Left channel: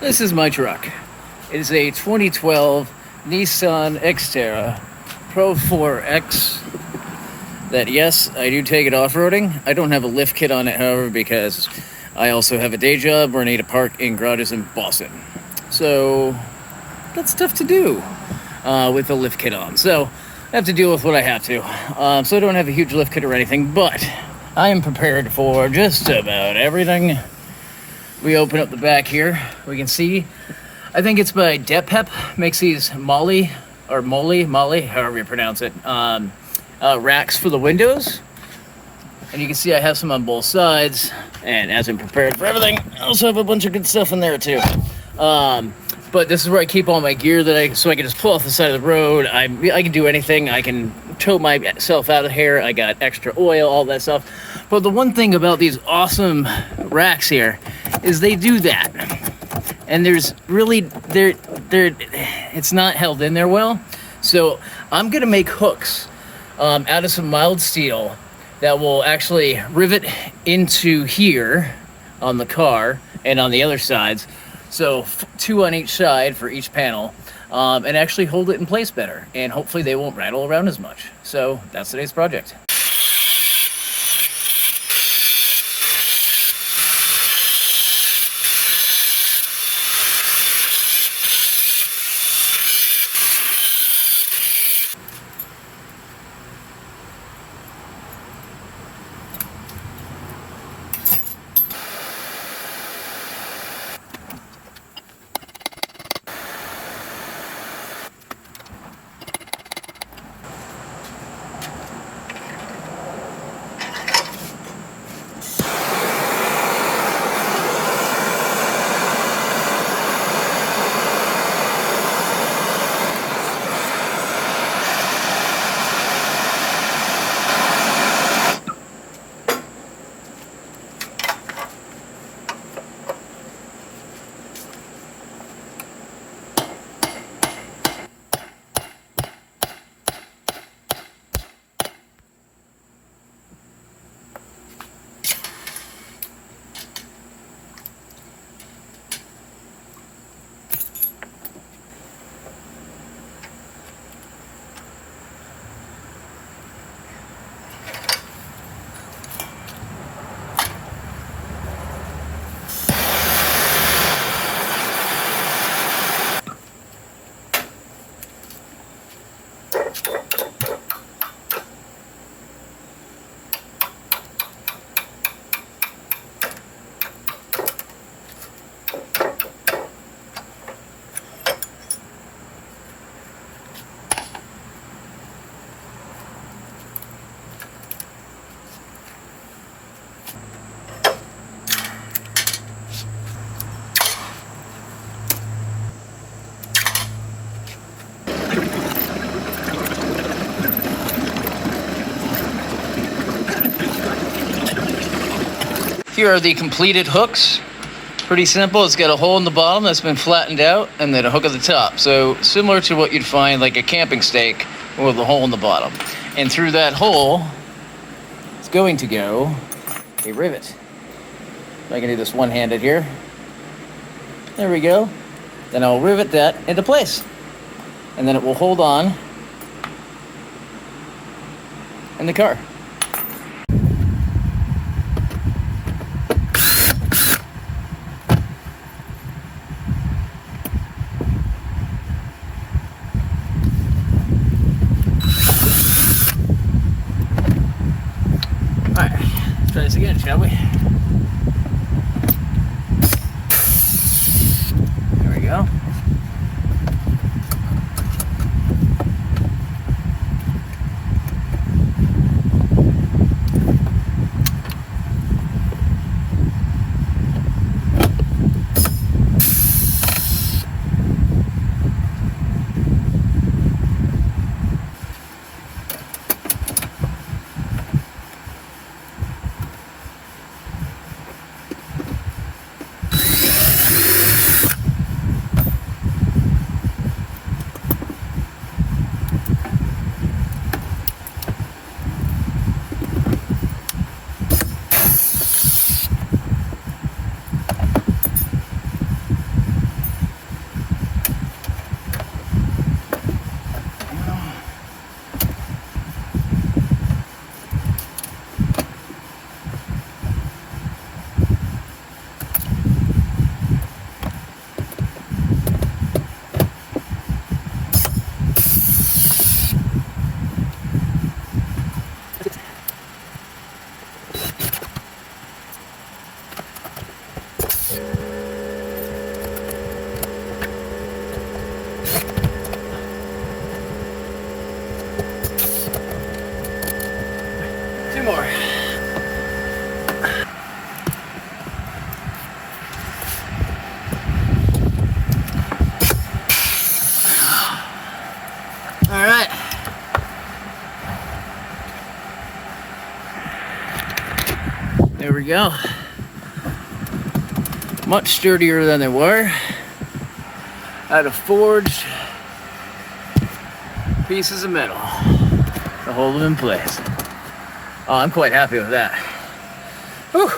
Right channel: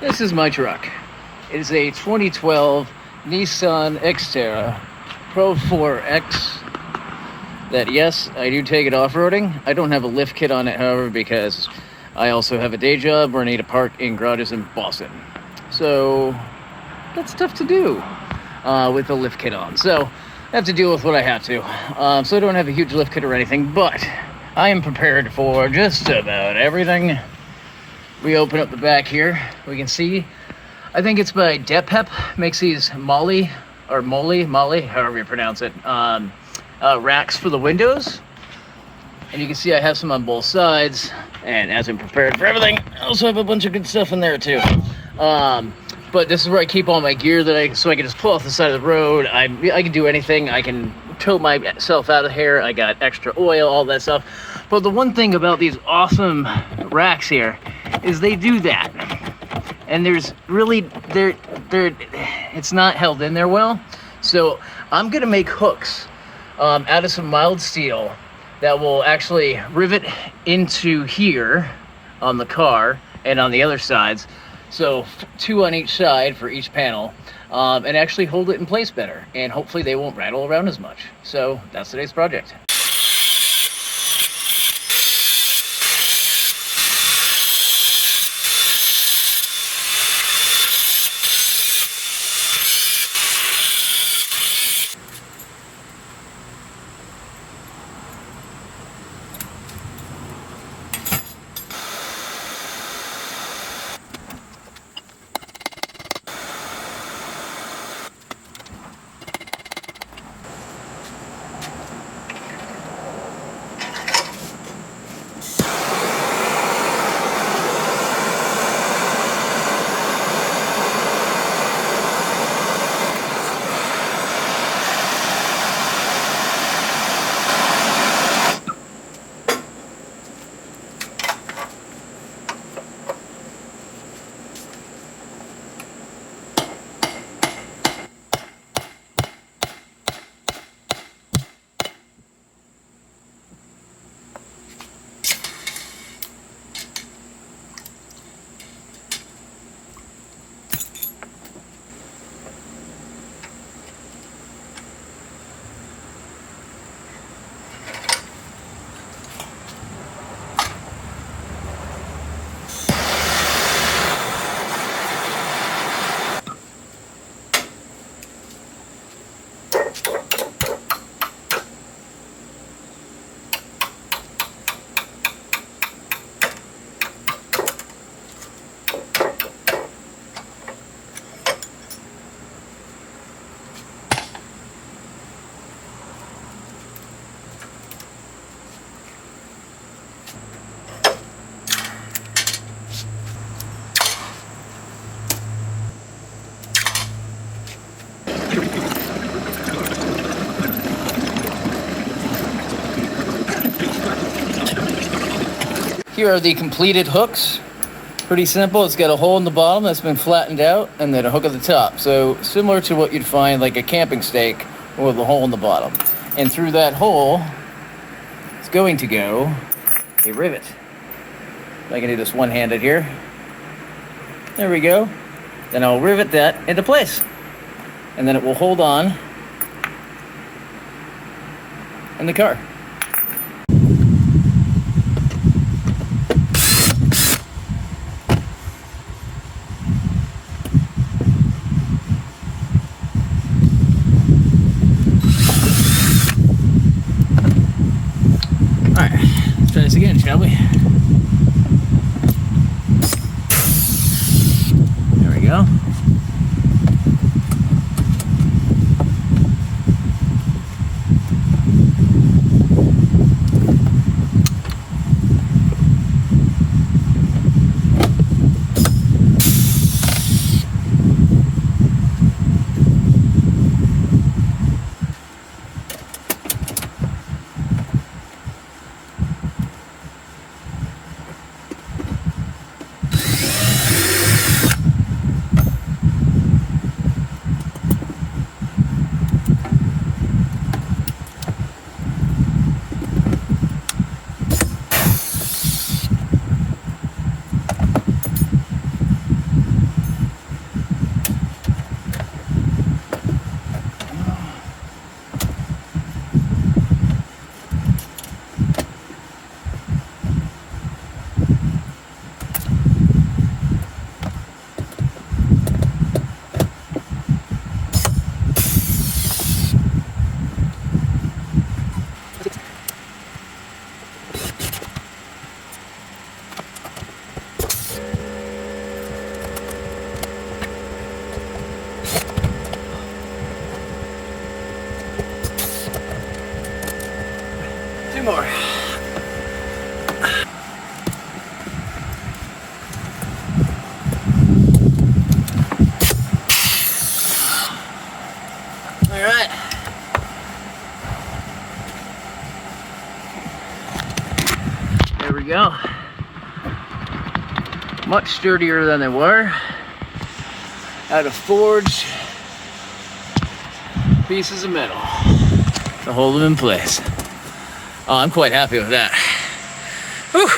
This is my truck. It is a 2012 Nissan X-Terra Pro-4X. That, yes, I do take it off-roading. I don't have a lift kit on it, however, because I also have a day job where I need to park in garages in Boston. So, that's tough to do with a lift kit on. So, I have to deal with what I have to. So I don't have a huge lift kit or anything, but I am prepared for just about everything. We open up the back here. We can see, I think it's by Depep, makes these Molle, however you pronounce it, racks for the windows. And you can see I have some on both sides. And as I'm prepared for everything, I also have a bunch of good stuff in there too. But this is where I keep all my gear so I can just pull off the side of the road. I can do anything. I can tow myself out of here. I got extra oil, all that stuff. But the one thing about these awesome racks here is they do that. And there's really, it's not held in there well. So I'm gonna make hooks out of some mild steel that will actually rivet into here on the car and on the other sides. So 2 on each side for each panel, and actually hold it in place better. And hopefully they won't rattle around as much. So that's today's project. Here are the completed hooks. Pretty simple. It's got a hole in the bottom that's been flattened out and then a hook at the top. So similar to what you'd find like a camping stake with a hole in the bottom. And through that hole is going to go a rivet. I can do this one-handed here. There we go. Then I'll rivet that into place. And then it will hold on in the car. Try this again, shall we? There we go. Much sturdier than they were. Out of forged pieces of metal to hold them in place. Oh, I'm quite happy with that. Whew,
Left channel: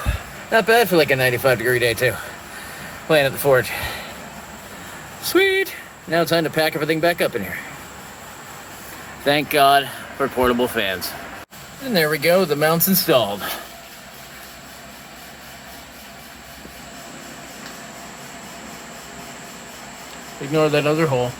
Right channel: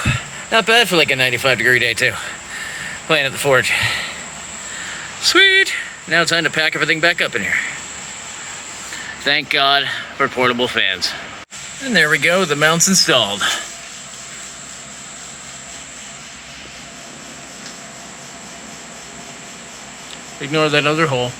not bad for like a 95-degree day too. Playing at the forge. Sweet. Now it's time to pack everything back up in here. Thank God for portable fans. And there we go, the mount's installed. Ignore that other hole.